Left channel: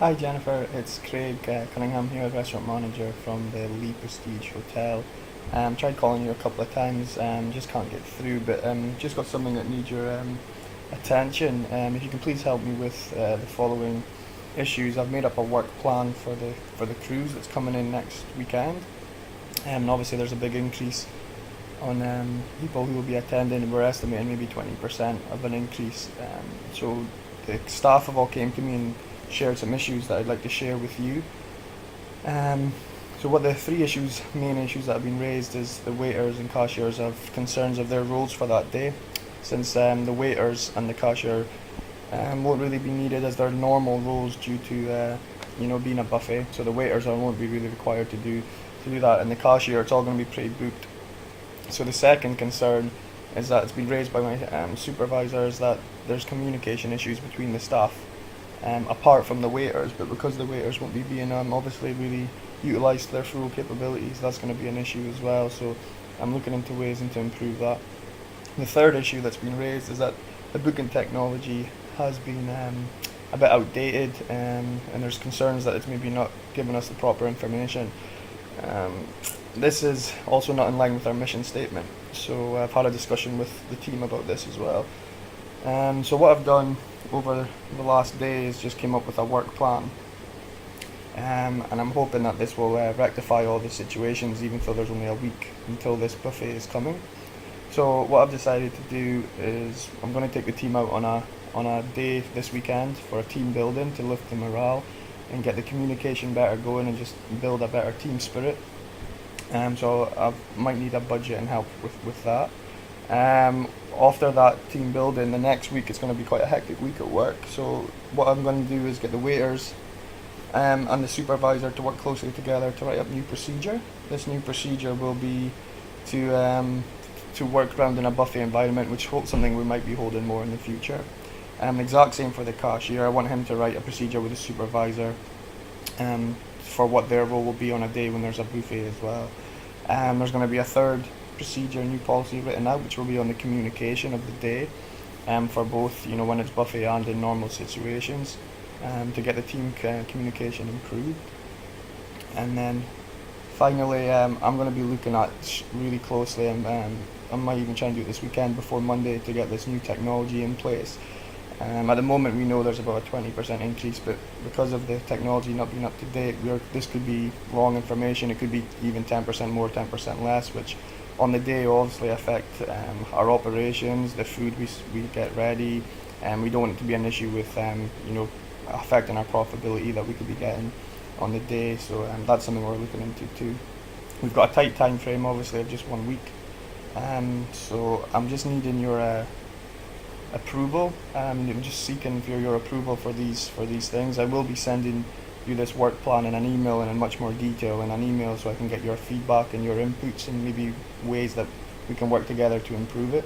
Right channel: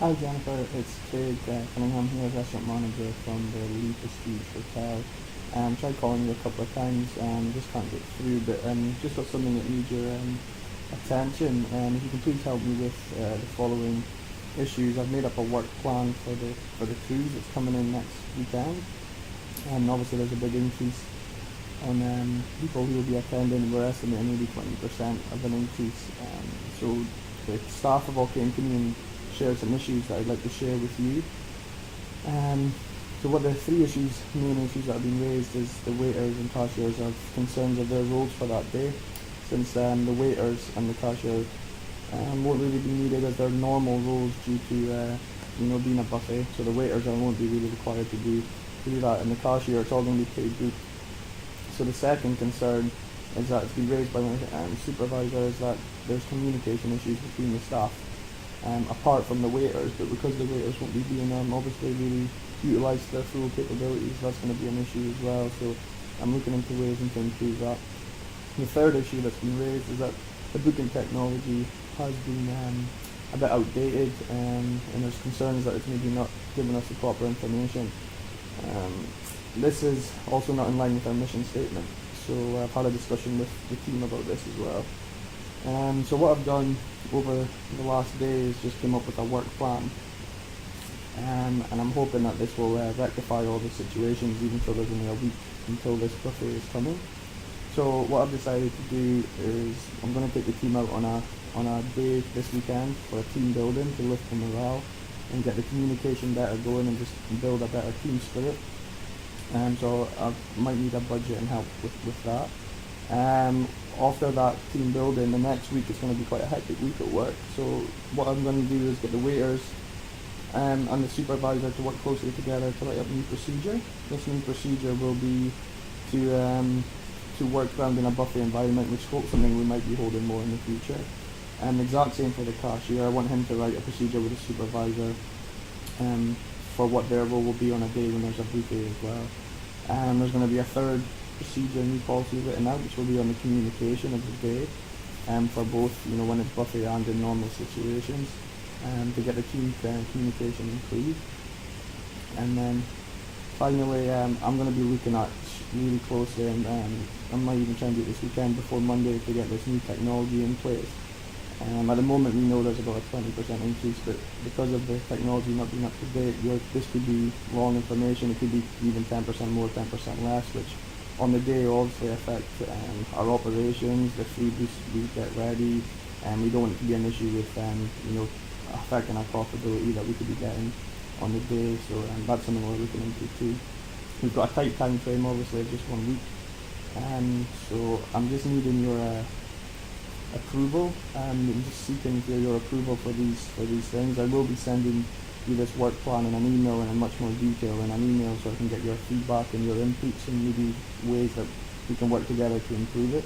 Hi Jennifer, it's Craig Cunningham here, restaurant manager from the Lee Prestige Hotel. Tried calling you a couple of times, just can't get through, but just got something that needs your attention. If you can please help me with the following issues. I've made up a work plan for the cruise that's coming in next weekend, and obviously there's a big increase on people who will be attending, and we're estimating maybe 20% of an increase. So the staff have all came to me and shared some issues that I'd like to share with you. Um, so what the main issues that have been raised is the waiters and cashiers have concerns of their roles for that day, since the waiters and the cashier won't really be needed as their normal roles due to being a buffet. So the waiters won't be really required to do that, and the cashier, it's all going to be pre-booked. So the second concern is that it's been raised by my supervisors that there's communication issues between the staff, apart from the waiters, but because the waiters won't be being obviously really utilised to their full capabilities, that's going to be an issue as well. So I'm looking into ways to improve that. The third issue that's been raised is that the booking technology has been a bit outdated, and there's concerns that it's maybe not giving us the proper information. Um, this is also not in line with our mission statement, so I've had a discussion with the team about this as well. So what I've done over the last day is just came up with a work plan, and I'm hoping that this will rectify all the situations, even though there's only a week until this buffet is coming. So what I've decided to do is I'm going to take the team out on a day this weekend for a team building to lift the morale and get the communication better going and just build a better team spirit. So I might need a budget and help with that. After that team building, the next week it's going to be quite a hectic week at work. So what I'm going to do is get the waiters and the supervisor to work closely together to write up a new procedure. This new procedure will be to work around in a buffet environment, which is something we might be holding more in the future. Exact same for the cashier. I want him to write a procedure with the supervisor for what their role will be on a day when there's a buffet as well. There's going to be a third procedure, new policy written out, which will be on the communication of the day, for both when it's buffet and in normal situations, to get the team communication improved. And then finally, I'm going to be looking at really closely, and I might even try and do it this weekend before Monday to get this new technology in place. At the moment, we know there's about a 20% increase, but because of the technology not being up to date, this could be wrong information. It could be even 10% more, 10% less, which on the day will obviously affect our operations, the food we get ready, and we don't want it to be an issue with affecting our profitability that we could be getting on the day. So that's something we're looking into too. We've got a tight time frame, obviously, of just 1 week. So I'm just needing your approval. I'm just seeking for your approval for these things. I will be sending you this work plan in an email and in much more detail in an email, so I can get your feedback and your inputs and maybe ways that we can work together to improve it.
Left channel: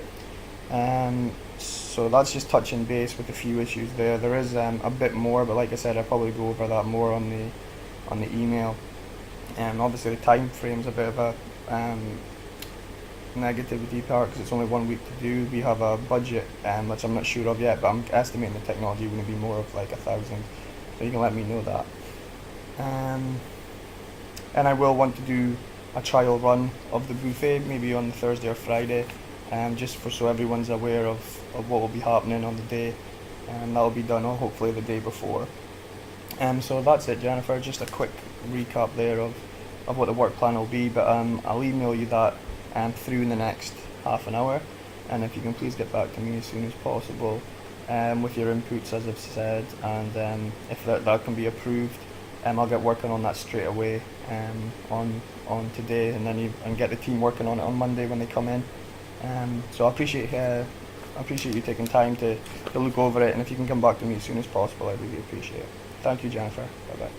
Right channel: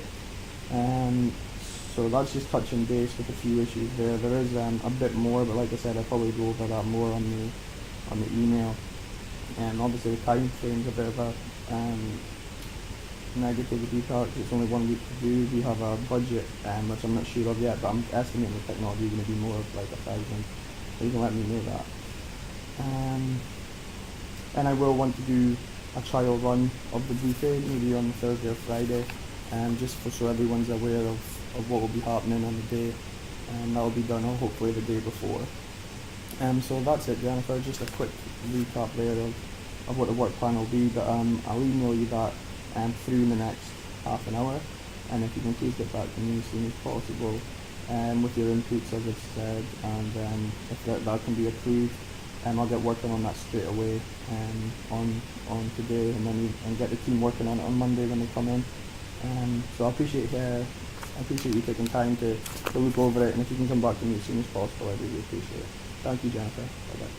So that's just touching base with a few issues there. There is a bit more, but like I said, I'll probably go over that more on the email. And obviously the time frame's a bit of a negativity part because it's only 1 week to do. We have a budget which I'm not sure of yet, but I'm estimating the technology is going to be more of like 1,000. So you can let me know that. And I will want to do a trial run of the buffet maybe on Thursday or Friday, just so everyone's aware of what will be happening on the day. And that will be done hopefully the day before. So that's it, Jennifer. Just a quick recap there of what the work plan will be, but I'll email you that through in the next half an hour, and if you can please get back to me as soon as possible with your inputs, as I've said, and if that can be approved, I'll get working on that straight away on today, and then get the team working on it on Monday when they come in. So I appreciate you taking time to look over it, and if you can come back to me as soon as possible, I really appreciate it. Thank you, Jennifer. Bye bye.